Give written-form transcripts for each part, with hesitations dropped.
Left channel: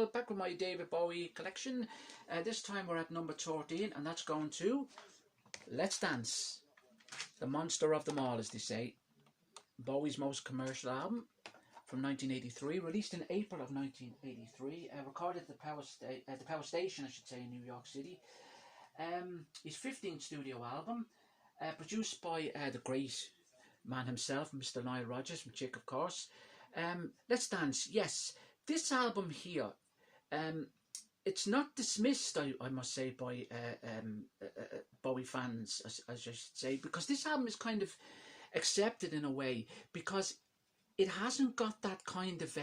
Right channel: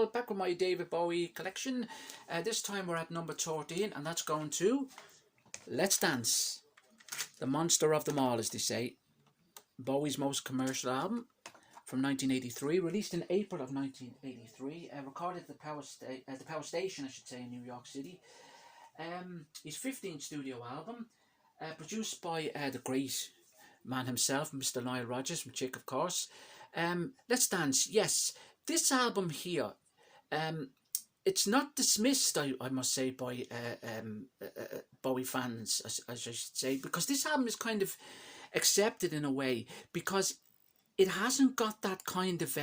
all, back with my David Bowie collection. This time we're at number 13, and that's going to Let's Dance, the monster of them all, as they say. Bowie's most commercial album from 1983, released in April of 1983, recorded at the Power Station, I should say, in New York City. His 15th studio album, produced by the great man himself, Mr. Nile Rodgers, from Chick, of course. Let's Dance, yes. This album here, it's not dismissed, I must say, by Bowie fans, as I should say, because this album is kind of accepted in a way, because it hasn't got that kind of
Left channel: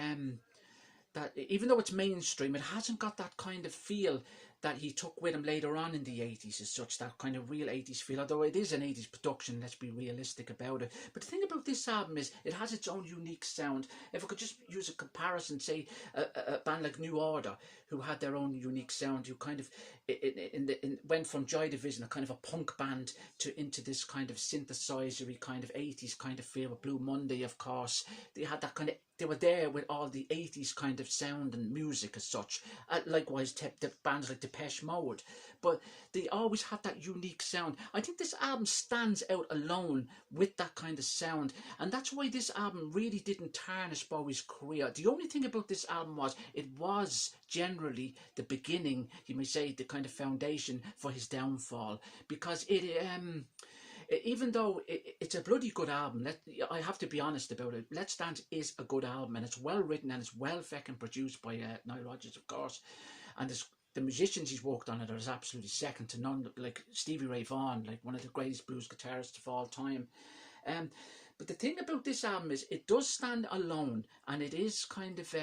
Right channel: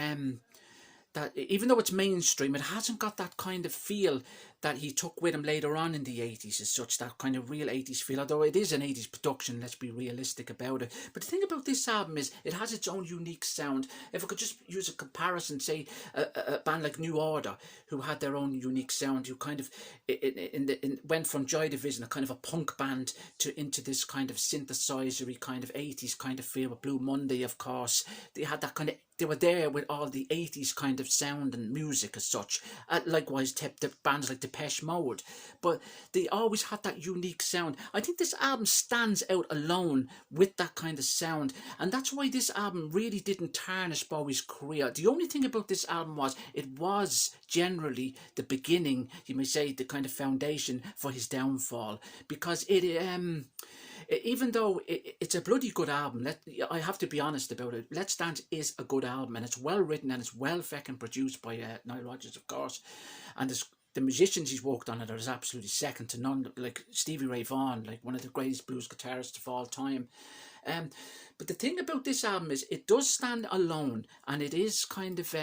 that, even though it's mainstream, it hasn't got that kind of feel that he took with him later on in the 80s, as such, that kind of real 80s feel, although it is an 80s production, let's be realistic about it. But the thing about this album is it has its own unique sound. If I could just use a comparison, say a band like New Order, who had their own unique sound, who kind of went from Joy Division, a kind of a punk band, into this kind of synthesizer-y kind of 80s kind of feel, with Blue Monday, of course. They had that kind of, they were there with all the 80s kind of sound and music as such. Likewise, the bands like Depeche Mode. But they always had that unique sound. I think this album stands out alone with that kind of sound. And that's why this album really didn't tarnish Bowie's career. The only thing about this album was, it was generally the beginning, you may say, the kind of foundation for his downfall. Because even though it's a bloody good album, I have to be honest about it, Let's Dance is a good album, and it's well written, and it's well feckin' produced by Nile Rodgers, of course, and the musicians he's worked on it are absolutely second to none, like Stevie Ray Vaughan, like one of the greatest blues guitarists of all time. But the thing about this album is it does stand alone, and it is kind of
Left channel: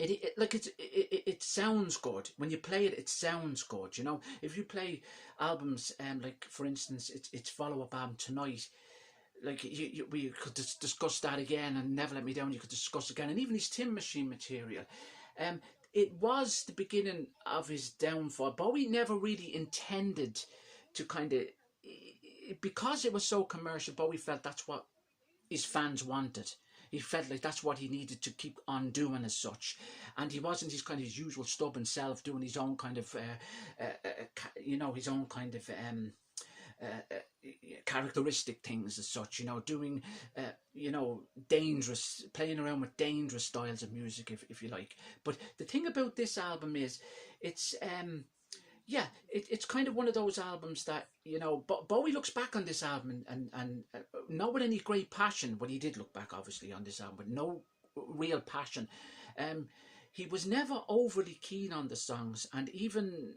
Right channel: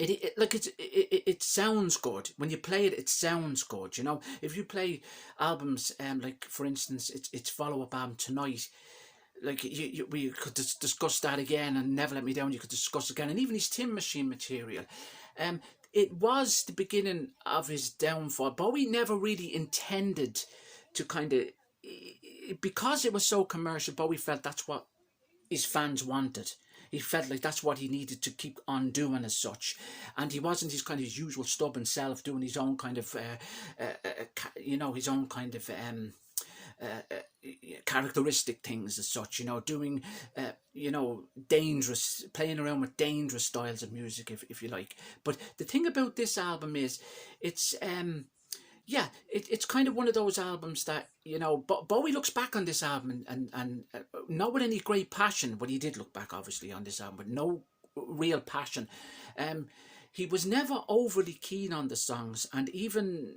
it sounds good when you play it. It sounds good, you know. If you play albums, like for instance, it's follow-up album Tonight, like we could discuss that again, and Never Let Me Down, you could discuss again, and even his Tin Machine material. It was the beginning of his downfall. Bowie never really intended to kind of, because it was so commercial, Bowie felt that's what his fans wanted. He felt like that's what he needed to keep on doing as such. And he wasn't his kind of usual stubborn self doing his own kind of, his own kind of characteristic things as such, doing, dangerous, playing around with dangerous styles of music, if you like. But the thing about this album is, it's kind of one of those albums that, Bowie looks back on this album and not with any great passion, but he did look back obviously on this album with no real passion. He was never overly keen on the songs, and even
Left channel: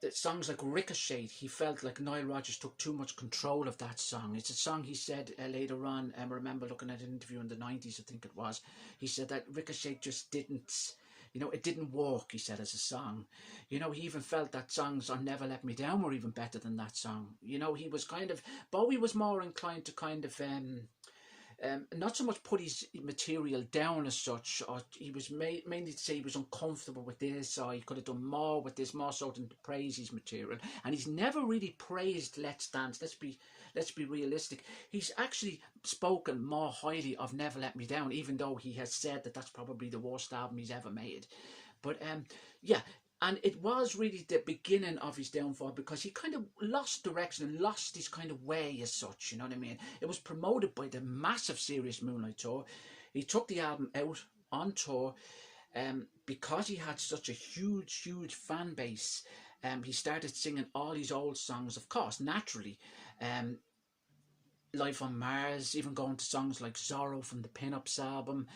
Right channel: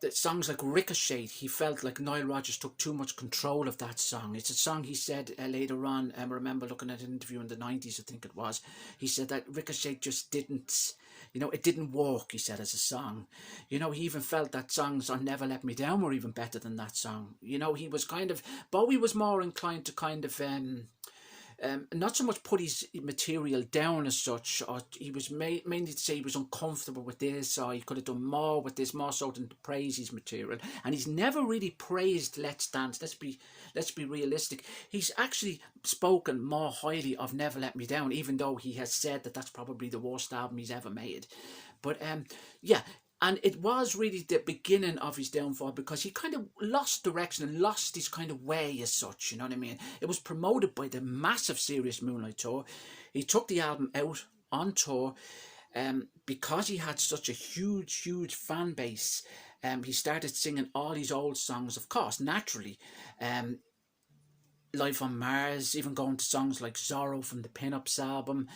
the songs like Ricochet, he felt like Nile Rodgers took too much control of that song. It's a song he said later on, I remember looking at an interview in the 90s, I think it was, he said that Ricochet just didn't, it didn't work, he said, as a song. He even felt that songs on Never Let Me Down were even better than that song. He was Bowie was more inclined to kind of, not so much put his material down as such, or he was mainly to say he was uncomfortable with this, or he could have done more with this, more so than to praise his material. And he's never really praised Let's Dance. Let's be realistic. He's actually spoken more highly of Never Let Me Down, even though he has said that that's probably the worst album he's ever made. But and it was really the beginning of his downfall, because he kind of lost direction and lost his kind of way as such, you know what I mean? It was promoted by the massive Serious Moonlight tour. He took the album out on tour because he had such a huge fan base. He started singing all these old songs, of course, naturally. Life on Mars, even going to songs like Zorro from the Pin-Ups album.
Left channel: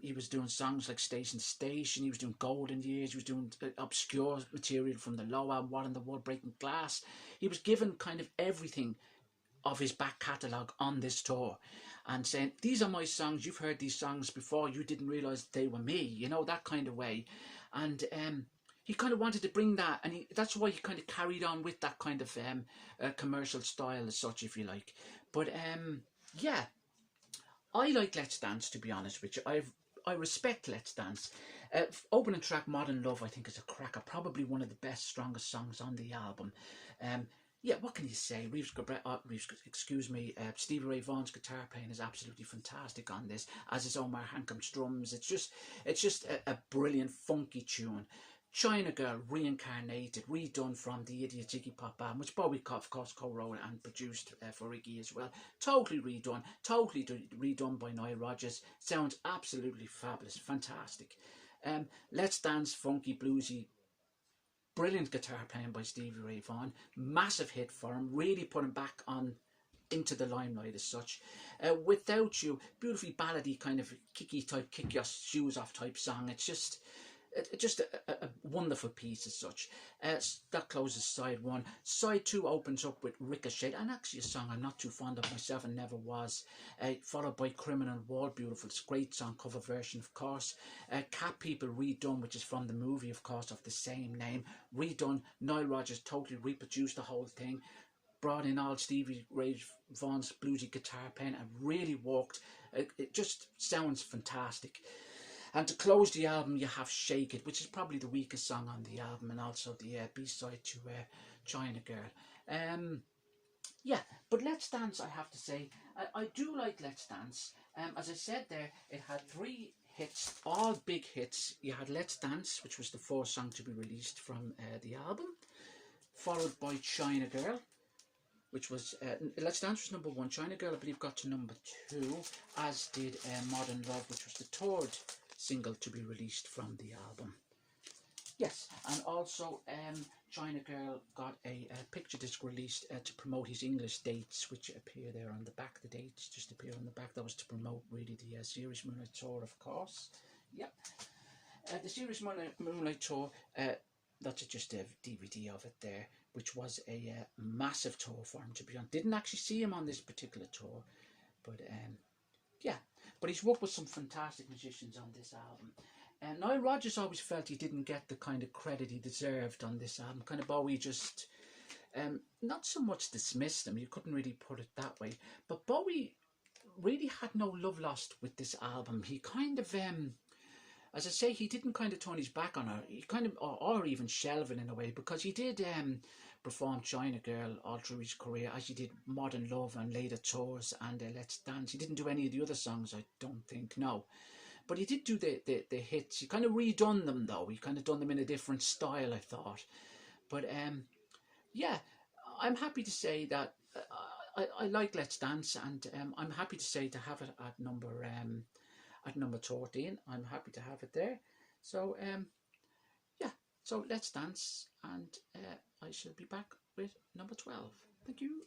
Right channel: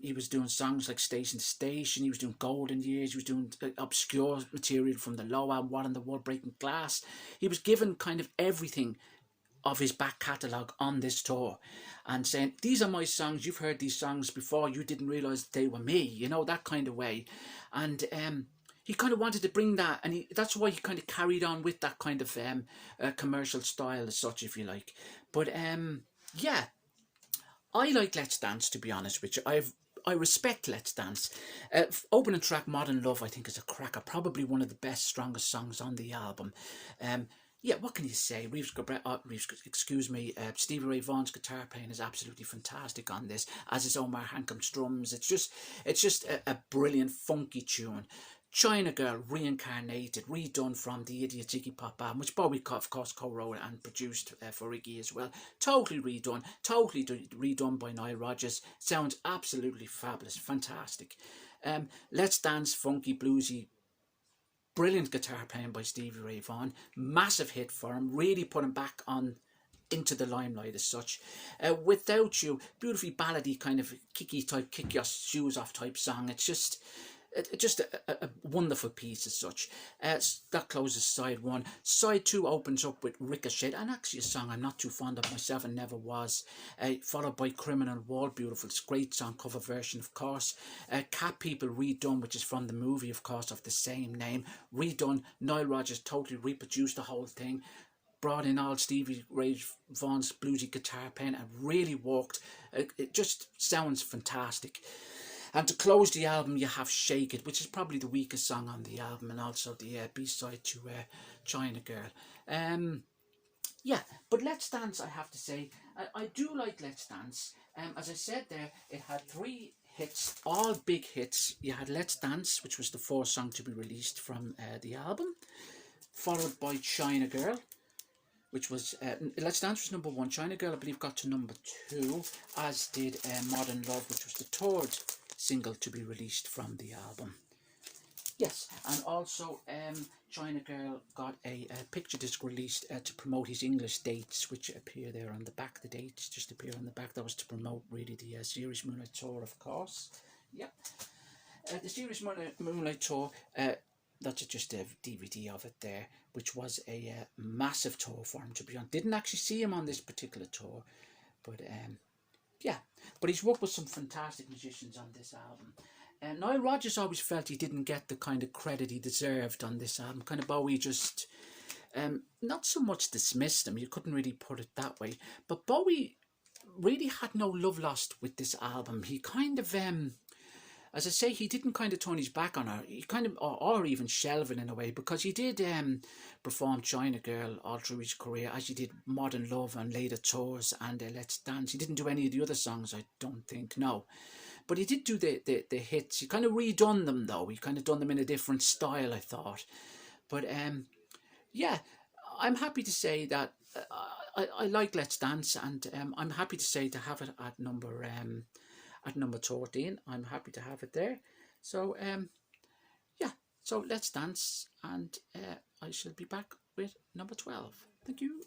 He was doing songs like Station to Station, he was doing Golden Years, he was doing obscure material from the Low album, What in the World, Breaking Glass. He was given kind of everything of his back catalogue on this tour, and saying, these are my songs, you've heard these songs before, you didn't realise they were me, that kind of way. And he kind of wanted to bring that, and that's why he kind of carried on with that kind of commercial style as such, if you like. But I like Let's Dance, to be honest with you. I respect Let's Dance. Opening track Modern Love, I think, is a cracker. Probably one of the best, strongest songs on the album. yeah, what can you say? Excuse me, Stevie Ray Vaughan's guitar playing is absolutely fantastic on this, as is Omar Hankham's drums. It's just a brilliant funky tune. China Girl reincarnated, redone from the Idiot Iggy Pop album, which Bowie, of course, co-wrote and produced for Iggy as well. Totally redone, redone by Nile Rodgers. Sounds absolutely fabulous, fantastic. Let's Dance, funky, bluesy, brilliant guitar playing by Stevie Ray Vaughan. Massive hit for him. Really put him back on into the limelight as such. Without You, beautifully ballady, kind of kicky type, kick your shoes off type song. It's just a wonderful piece as such. That closes side one. Side two opens up with Ricochet, and actually a song I'm not too fond of myself and never was. Followed by Criminal Wall, beautiful, it's a great song cover version, of course. Cat People redone, which is from the movie, of course, of the same name. Redone. Nile Rodgers totally reproduced the whole thing. Brought in all Stevie Ray Vaughan's bluesy guitar playing and really worked. It just sounds fantastic. And to close the album, you have Shake It, which is probably the weakest song on the album, and also the B-side to China Girl. Yeah, but Let's Dance, I have to say, I do like Let's Dance. As I said there, it had 3 hits, all big hits. You had Let's Dance, which was the 4th song to be released from the album, followed by China Girl, which was, Let's Dance was number 1. China Girl, I believe, got to number 2, as did Modern Love, which was the 3rd single to be released from the album. Yes, and also China Girl got a picture disc released to promote his English dates, which appear there on the back. The dates just appear on the back. That was to promote really the Serious Moonlight Tour, of course. Yep. The Serious Moonlight Tour, that's just a DVD of it there, which was a massive tour for him to be on. Didn't actually see him on this particular tour, but yeah. But he's worked with some fantastic musicians on this album. Nile Rodgers always felt he didn't get the kind of credit he deserved on this album. Kind of Bowie just not so much dismissed him, you couldn't really put it that way, but Bowie really had no love lost with this album. He kind of as I say, he didn't kind of turn his back on her. He kind of, or even shelve it in a way, because he did perform China Girl all through his career, as he did Modern Love and later tours and Let's Dance. He didn't do any of the other songs, I don't think, no. But he did do the hits. He kind of redone them, though. He kind of done them in a different style, I thought. But yeah, I'm happy to say that I like Let's Dance, and I'm happy to say to have it at number 13. I'm happy to have it there. So yeah, so Let's Dance, and I shall be back with number 12. Thank you.